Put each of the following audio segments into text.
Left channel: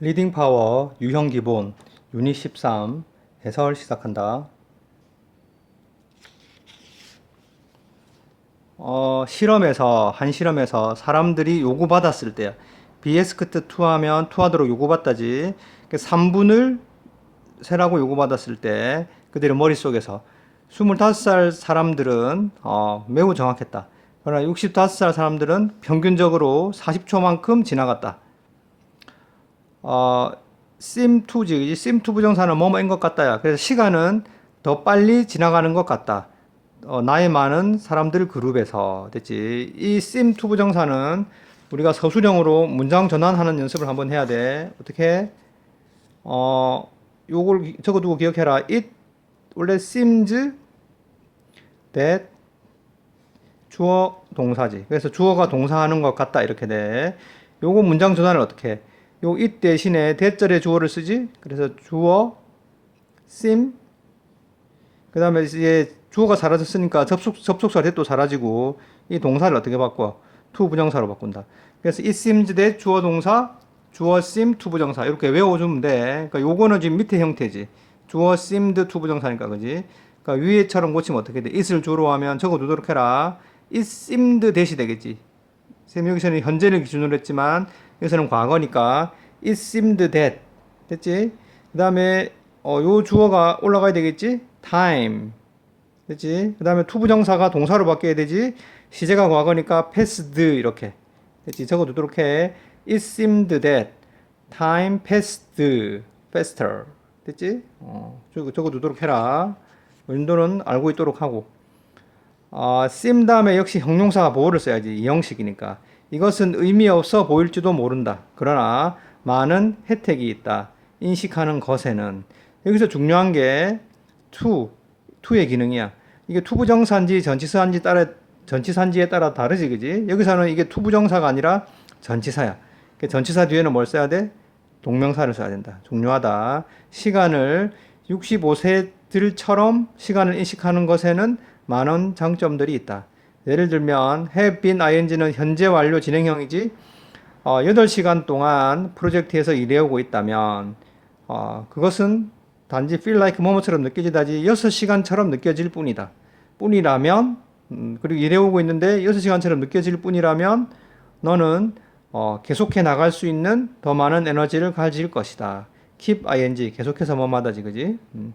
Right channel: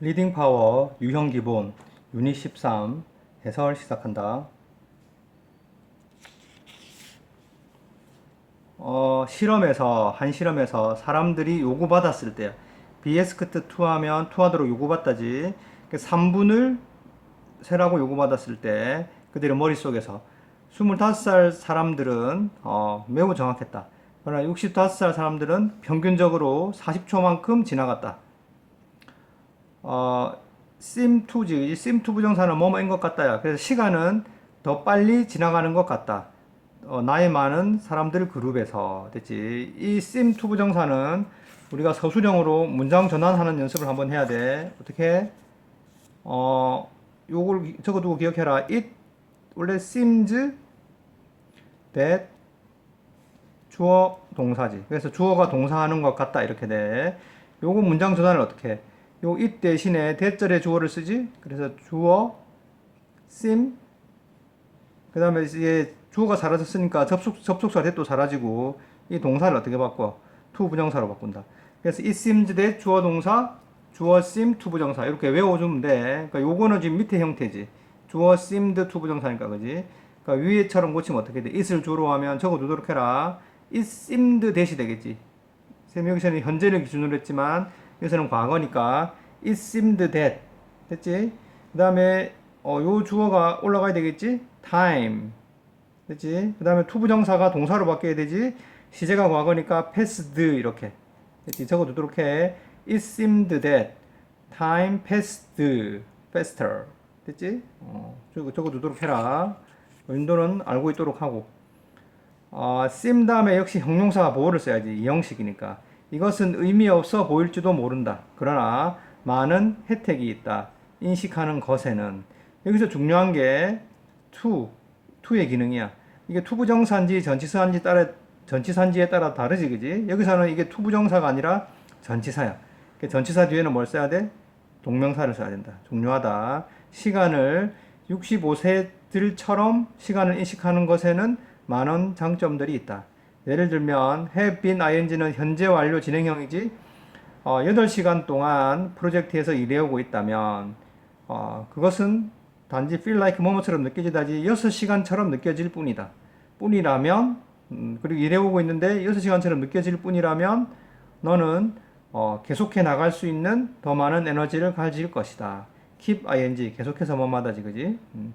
리딩 파워 유형 기본 유닛 13 해설 시작한다. 어, 실험에서 한 실험에서 사람들이 요구받았을 때 비에스크트 투하면 투하도록 요구받다지 3분을 세라고 요구받았을 때 그들의 머릿속에서 25살 사람들은 어, 매우 정확했다. 그러나 65살 사람들은 평균적으로 40초만큼 지나갔다. 어, sim2지, sim2 부정사는 뭐뭐인 것 같다야. 그래서 시간은 더 빨리 지나가는 것 같다. 어, 나이 많은 사람들 그룹에서 됐지. 이 sim2 부정사는 우리가 서술형으로 문장 전환하는 연습을 한번 해야 돼. 어떻게? 어, 요걸 기- 적어두고 기억해라. It 원래 seems that 주어 동사지. 그래서 주어가 동사하는 것 같다 이렇게 돼. 요거 문장 전환을 어떻게 해? 요 it 대신에 대절의 주어를 쓰지. 그래서 주어 seem 그 다음에 이제 주어가 사라졌으니까 접속 접속사 대도 사라지고 이 동사를 어떻게 바꿔? to 부정사로 바꾼다. 그래서 it seems that 주어 동사 주어 seem to 부정사 이렇게 외워주면 돼. 그러니까 요거는 지금 밑에 형태지. 주어 seemed to 부정사니까 그지? 그러니까 위에처럼 고치면 어떻게 돼? it을 주로 하면 적어두도록 해라. it seemed that이 되겠지. 쌤 여기서는 현재를 기준으로 했지만 여기서는 과거니까 it seemed that 됐지? 그 다음에 어, 요 주어가 올라가야 되겠지? time 됐지? 그 다음에 투부정사가 동사로 바뀌어야 되지? 시제가 과거니까 passed 이렇게 됐지? 적어두도록 해 it seemed that time passed faster 됐지? 어, 적어, 적어두도록 해라 윈도는 알고 있도록 하고 아, sim 다음에 역시 형용사가 보호를 써야지 이 형식이니까 이것은 의미 없어 보일지도 모른다. 그러나 많은 혜택이 있다. 인식하는 것에는 여기서 중요한 게 to, to의 기능이야. 이게 투부정사인지 전치사인지 따라 전치사인지에 따라 다르지, 그지? 여기서는 이게 투부정사가 아니라 전치사야. 그 전치사 뒤에는 뭘 써야 돼? 동명사를 써야 된다. 중요하다. 시간을 65세들처럼 시간을 인식하는 것에는 많은 장점들이 있다. 예를 들면 have been ing는 현재 완료 진행형이지 어, 8시간 동안 프로젝트에서 일해오고 있다면 어, 그것은 단지 feel like 뭐뭐처럼 느껴지다지 6시간처럼 느껴질 뿐이다. 뿐이라면 음, 그리고 일해오고 있는데 6시간처럼 느껴질 뿐이라면 너는 어, 계속해 나갈 수 있는 더 많은 에너지를 가질 것이다. keep ing 계속해서 뭐마다지 그지? 음.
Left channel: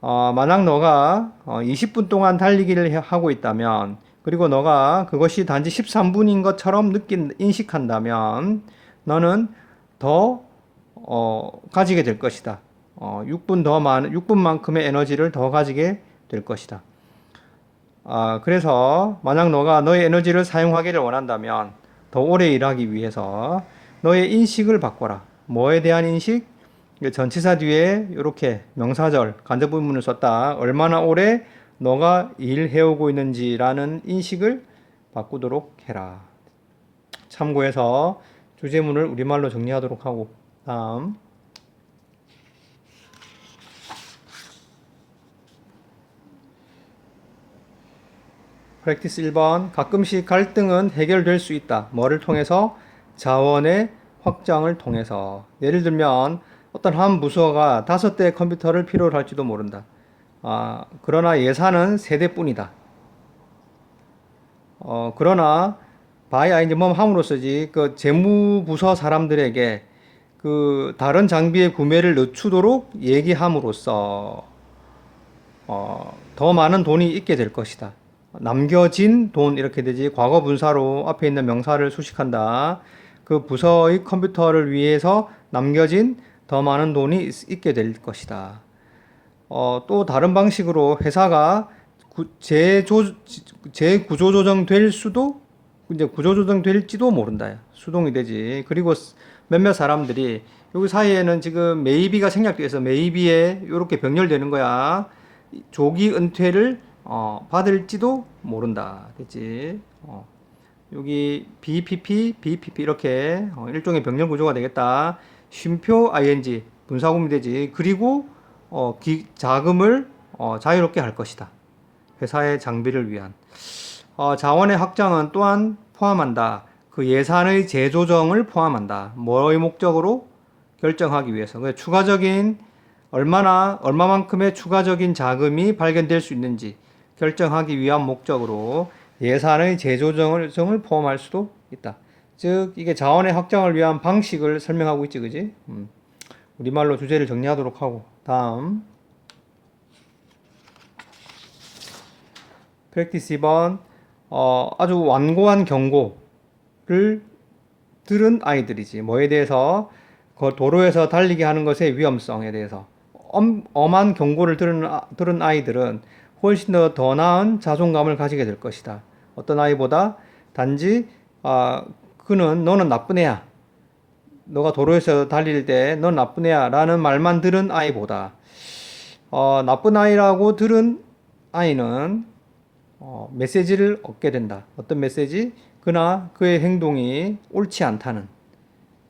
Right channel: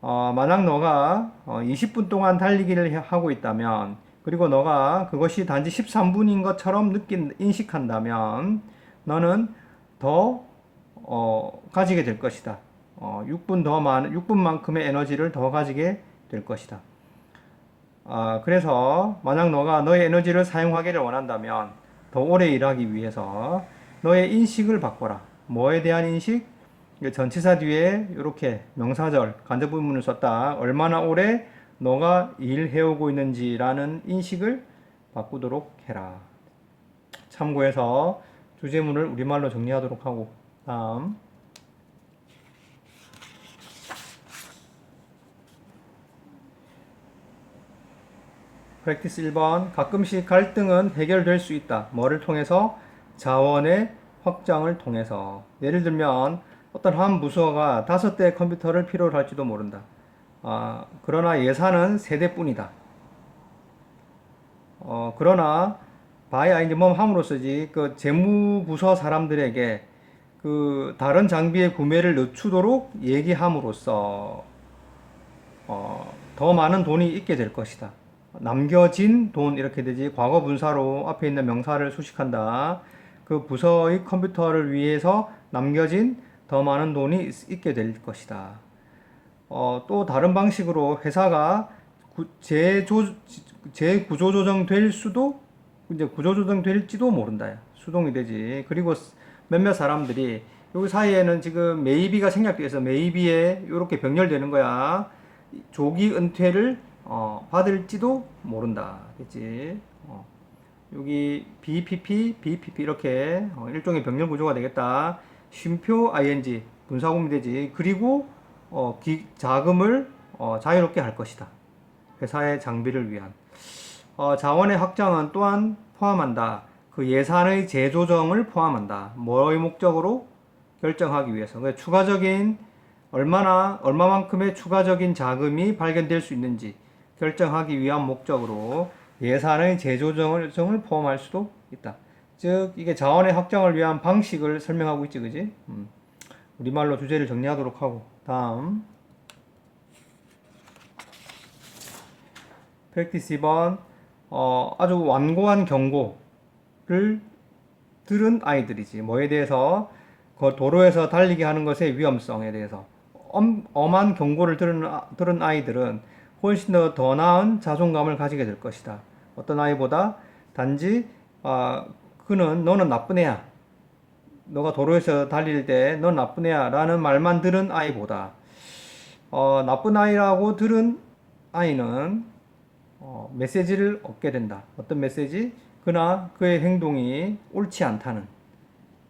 어, 만약 너가 어, 20분 동안 달리기를 해- 하고 있다면, 그리고 너가 그것이 단지 13분인 것처럼 느낀, 인식한다면, 너는 더, 어, 가지게 될 것이다. 어, 6분 더 많은, 6분만큼의 에너지를 더 가지게 될 것이다. 아, 그래서 만약 너가 너의 에너지를 사용하기를 원한다면, 더 오래 일하기 위해서 너의 인식을 바꿔라. 뭐에 대한 인식? 전치사 뒤에 이렇게 명사절 간접 부분을 썼다. 얼마나 오래 너가 일해오고 있는지라는 인식을 바꾸도록 해라. 참고해서 주제문을 우리말로 정리하도록 하고 다음 프랙티스 1번 가끔씩 갈등은 해결될 수 있다. 뭐를 통해서? 자원의 확장을 통해서. 예를 들면 어떤 한 부서가 다섯 대의 컴퓨터를 필요로 할지도 모른다. 아, 그러나 예산은 세 대뿐이다. 어, 그러나 바이 뭐 함으로써지 그 재무부서 사람들에게 그 다른 장비의 구매를 늦추도록 얘기함으로써 어, 더 많은 돈이 있게 될 것이다. 남겨진 돈 이렇게 되지 과거 분사로 앞에 있는 명사를 수식한다. 그 부서의 컴퓨터를 위해서 남겨진 더 많은 돈이 있- 있게 될 것이다. 어, 또 다른 방식으로 회사가 구, 재조, 재구조조정 될 수도 이제 구조조정 될지도 모른다. 수동이 되지. 그리고 스- 몇몇 사람들이 여기 사이에는 지금 메이비가 생략돼서 메이비에 이렇게 병렬되는 거야. 이 조기 은퇴를 어, 받을지도 모른다. 그치? 어. 여기 BPP, BPP 이렇게 어, 일종의 병렬 구조가 되겠다. 쉼표 ing 분사구문이 되지. 그리고 어, 기, 자금을 어, 자유롭게 할 것이다. 회사의 장비를 위한. 어, 자원의 확장은 또한 포함한다. 그 예산의 재조정을 포함한다. 뭐의 목적으로? 결정하기 위해서 그 추가적인 얼마나 얼마만큼의 추가적인 자금이 발견될 수 있는지 결정하기 위한 목적으로 예산의 재조정을 정을 포함할 수도 있다. 즉 이게 자원의 확장을 위한 방식을 설명하고 있지, 그지? 음. 우리말로 주제를 정리하도록 하고 다음 프랙티스 2번 어, 아주 완고한 경고를 들은 아이들이지 뭐에 대해서 그 도로에서 달리게 하는 것의 위험성에 대해서 엄, 엄한 경고를 들은, 아- 들은 아이들은 훨씬 더 더 나은 자존감을 가지게 될 것이다. 어떤 아이보다 단지 아, 그는 너는 나쁜 애야. 너가 도로에서 달릴 때 넌 나쁜 애야 라는 말만 들은 아이보다 어, 나쁜 아이라고 들은 아이는 어, 메시지를 얻게 된다. 어떤 메시지? 그나 그의 행동이 옳지 않다는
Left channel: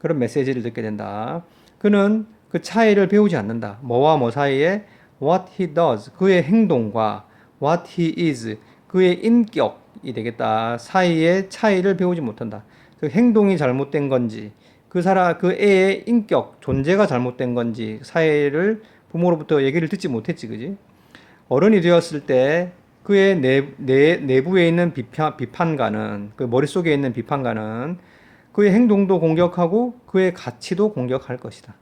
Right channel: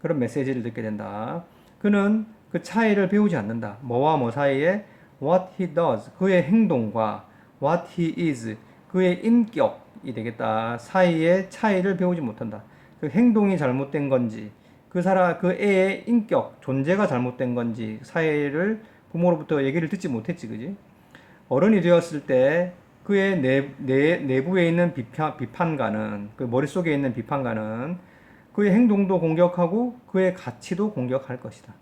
그런 메시지를 듣게 된다. 그는 그 차이를 배우지 않는다. 뭐와 뭐 사이에 what he does 그의 행동과 what he is 그의 인격이 되겠다. 사이의 차이를 배우지 못한다. 그 행동이 잘못된 건지 그 사람 그 애의 인격 존재가 잘못된 건지 사이를 부모로부터 얘기를 듣지 못했지, 그지? 어른이 되었을 때 그의 내, 내, 내부에 있는 비판, 비판가는 그 머릿속에 있는 비판가는 그의 행동도 공격하고 그의 가치도 공격할 것이다.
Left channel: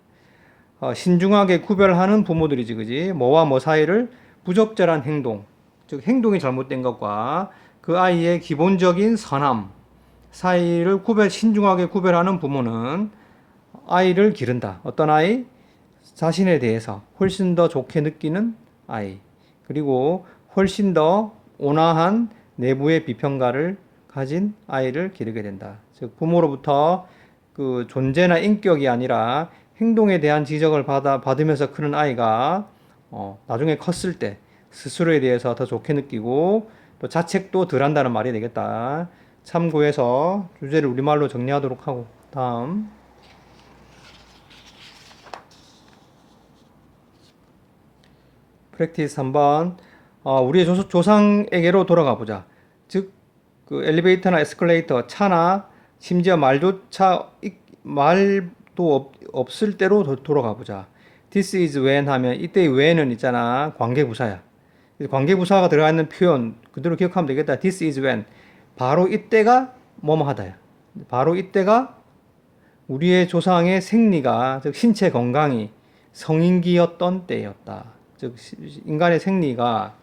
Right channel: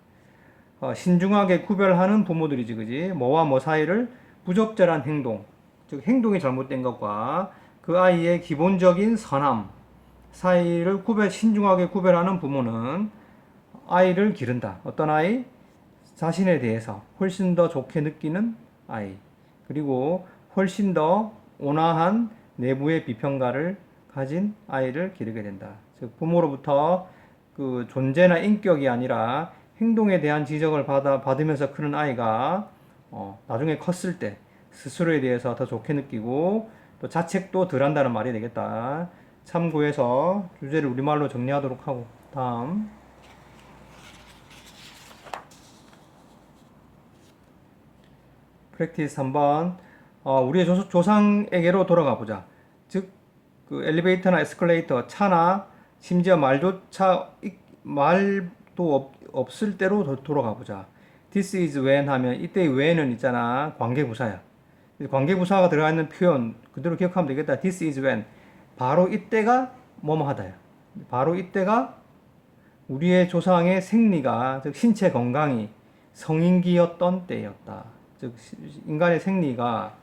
어, 신중하게 구별하는 부모들이지, 그지? 뭐와 뭐 사이를 부적절한 행동, 즉 행동이 잘못된 것과 그 아이의 기본적인 선함 사이를 구별 신중하게 구별하는 부모는 아이를 기른다. 어떤 아이? 자신에 대해서 훨씬 더 좋게 느끼는 아이. 그리고 훨씬 더 온화한 내부의 비평가를 가진 아이를 기르게 된다. 즉 부모로부터 그 존재나 인격이 아니라 행동에 대한 지적을 받아 받으면서 크는 아이가 어, 나중에 컸을 때 스스로에 대해서 더 좋게 느끼고 또 자책도 덜 한다는 말이 되겠다. 참고해서 주제를 우리말로 정리하도록 하고 다음 프랙티스 3번 어, 우리의 조, 조상에게로 돌아가 보자. 즉, 그 엘리베이터나 에스컬레이터, 차나 심지어 말조차 이- 말도 없, 없을 때로 도- 돌아가 보자. This is when 하면 이때의 when은 있잖아. 관계부사야. 관계부사가 들어가 있는 표현 그대로 기억하면 되겠다. This is when. 바로 이때가 뭐뭐 하다야. 바로 이때가 우리의 조상의 생리가 즉 신체 건강이 성인기였던 때였다. 즉 시- 인간의 생리가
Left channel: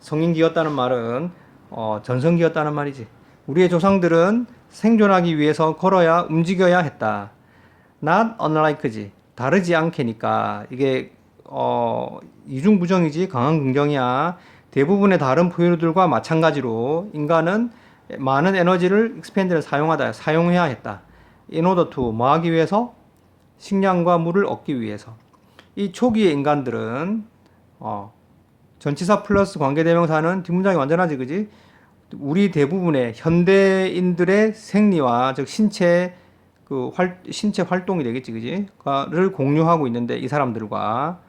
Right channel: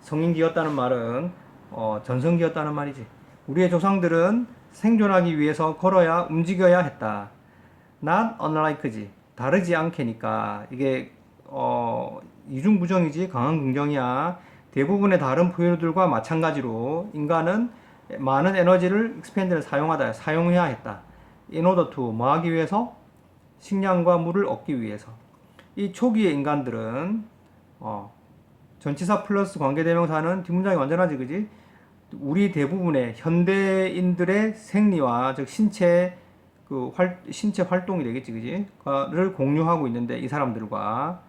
성인기였다는 말은 어, 전성기였다는 말이지. 우리의 조상들은 생존하기 위해서 걸어야 움직여야 했다. not unlike지. 다르지 않게니까 이게 어, 이중부정이지 강한 긍정이야. 대부분의 다른 포유류들과 마찬가지로 인간은 많은 에너지를 expand를 사용하다 사용해야 했다. in order to 뭐 하기 위해서 식량과 물을 얻기 위해서. 이 초기의 인간들은 어, 전치사 플러스 관계대명사는 뒷문장이 완전하지, 그지? 우리 대부분의 현대인들의 생리와 즉 신체 그 활, 신체 활동이 되겠지, 그지? 를 공유하고 있는데 이 사람들과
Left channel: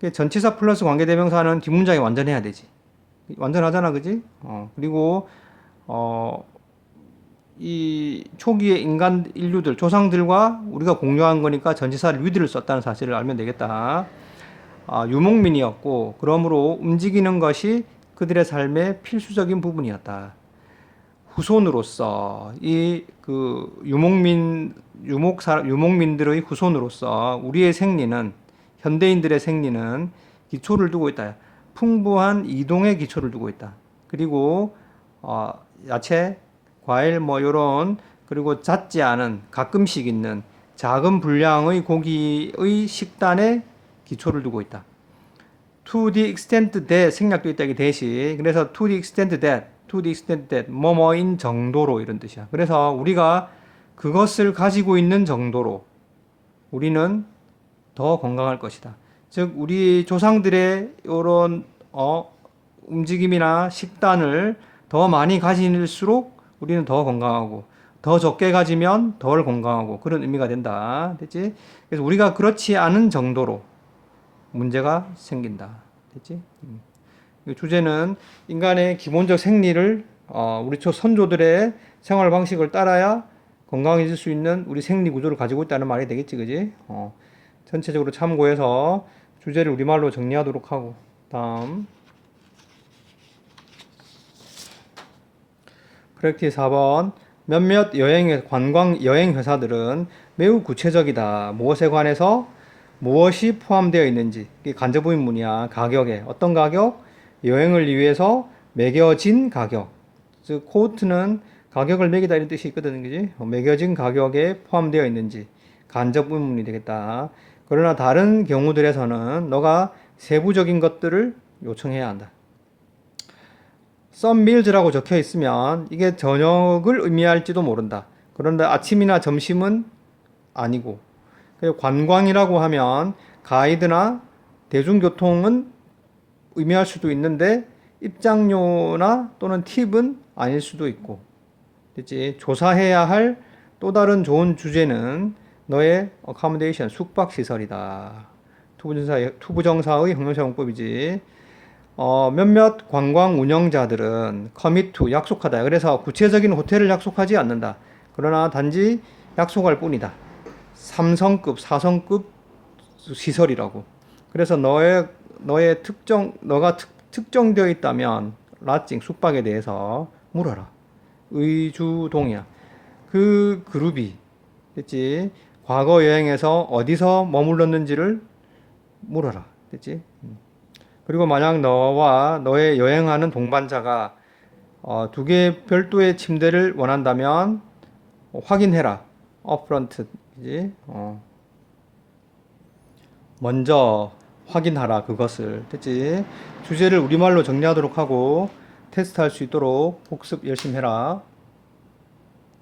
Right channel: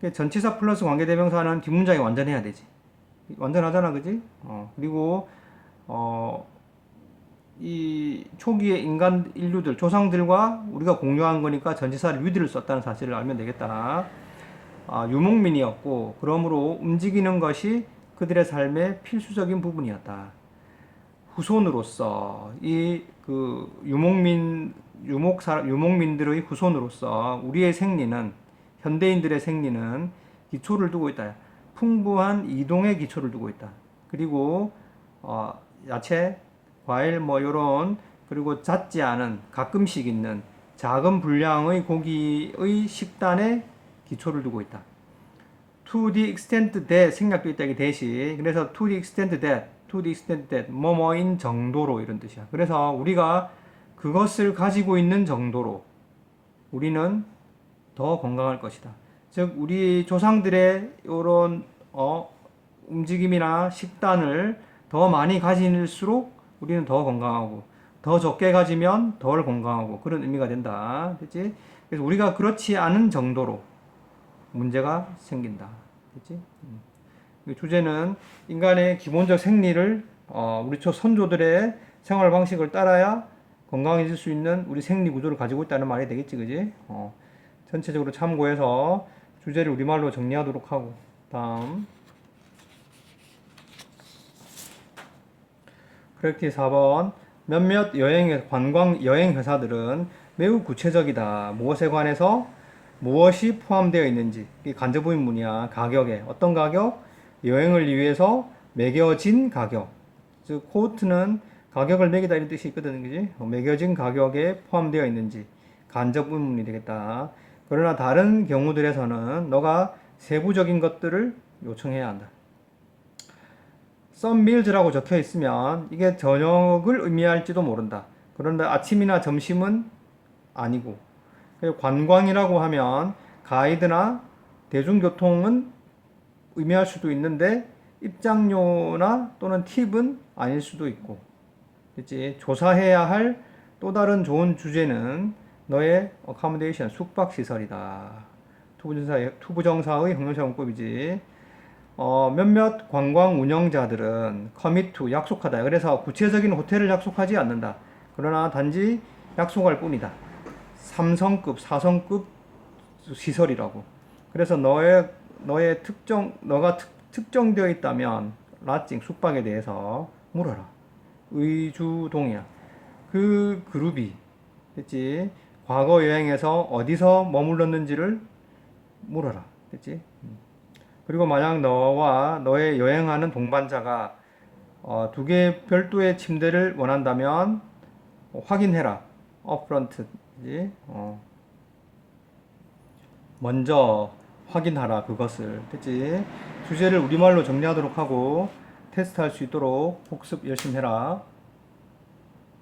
그 전치사 플러스 관계대명사는 뒷문장이 완전해야 되지. 완전하잖아, 그지? 어, 그리고 어, 이 초기의 인간 인류들 조상들과 우리가 공유한 거니까 전치사를 위드를 썼다는 사실을 알면 되겠다. 아, 유목민이었고 그러므로 움직이는 것이 그들의 삶의 필수적인 부분이었다. 후손으로서 이 그 유목민 유목 사 유목민들의 후손으로서 우리의 생리는 현대인들의 생리는 기초를 두고 있다. 풍부한 이동의 기초를 두고 있다. 그리고 어, 야채, 과일 뭐 요런 그리고 잦지 않은 가끔씩 있는 작은 분량의 고기의 식단에 기초를 두고 있다. To the extent that 생략도 있다 이 대시. 그래서 to the extent that, to the extent that 뭐뭐인 정도로 이런 뜻이야. 그래서 우리가 그것을 가지고 있는 정도로 우리는 더 건강할 것이다. 즉 우리 조상들의 이런 어, 움직임이나 식단을 더 많이 가질수록 우리는 더 건강하고 더 적게 가지면 덜 건강하고 그런 의미가 된다. 됐지? 그래서 우리가 그렇지 않은 정도로 문제가 생긴다. 됐지? 음. 이 주제는 인간의 기본적 생리를 어, 우리 초 선조들의 생활 방식을 따라야 건강해질 수 있는 우리 생리 구조를 가지고 있다는 말이 되겠지, 그지? 어, 전체적으로 참고해서 주제를 우리말로 정리하도록 하고, 다음. 프랙티스 4번. 몇몇 여행, 관광 여행 회사들은 매우 구체적이다. 무엇에 관해서 무엇이 포함되어 있는지. 이게 간접 의문이야. 가격에. 어떤 가격? 여행을 위해서 매겨진 가격. 즉, 코트는 가격을 매기다 이런 뜻이 있거든, 그지? 어, 매겨진 가격에 포함되어 있는지. 간접 의문이 되겠다. 그러나 다른 경우들에서는 너가 세부적인 것들을 요청해야 한다. 썸밀즈라고 적혀 있으면 이게 저녁을 의미할지도 모른다. 그런데 아침이나 점심은 아니고 관광이라고 하면 가이드나 대중교통은 의미할 수도 있는데 입장료나 또는 팁은 아닐 수도 있고 됐지? 조사해야 할 또 다른 좋은 주제는 너의 어카모데이션 숙박 시설이다. 투부정사의, 투부정사의 형용사 용법이지. 어, 몇몇 관광 운영자들은 커미투 약속하다. 그래서 구체적인 호텔을 약속하지 않는다. 그러나 단지 약속할 뿐이다. 3성급, 4성급 시설이라고. 그래서 너의 너의 특정 너가 특, 특정되어 있다면 라칭 숙박에 대해서 물어라. 의주동이야. 그 그룹이 됐지? 과거 여행에서 어디서 머물렀는지를 물어라. 됐지? 음. 그리고 만약 너와 너의 여행하는 동반자가 어, 두 개의 별도의 침대를 원한다면 확인해라. 업프런트? 어. 먼저 확인하라 그것을 됐지? 주제를 우리말로 정리하도록 하고 테스트할 수 있도록 복습 열심히 해라.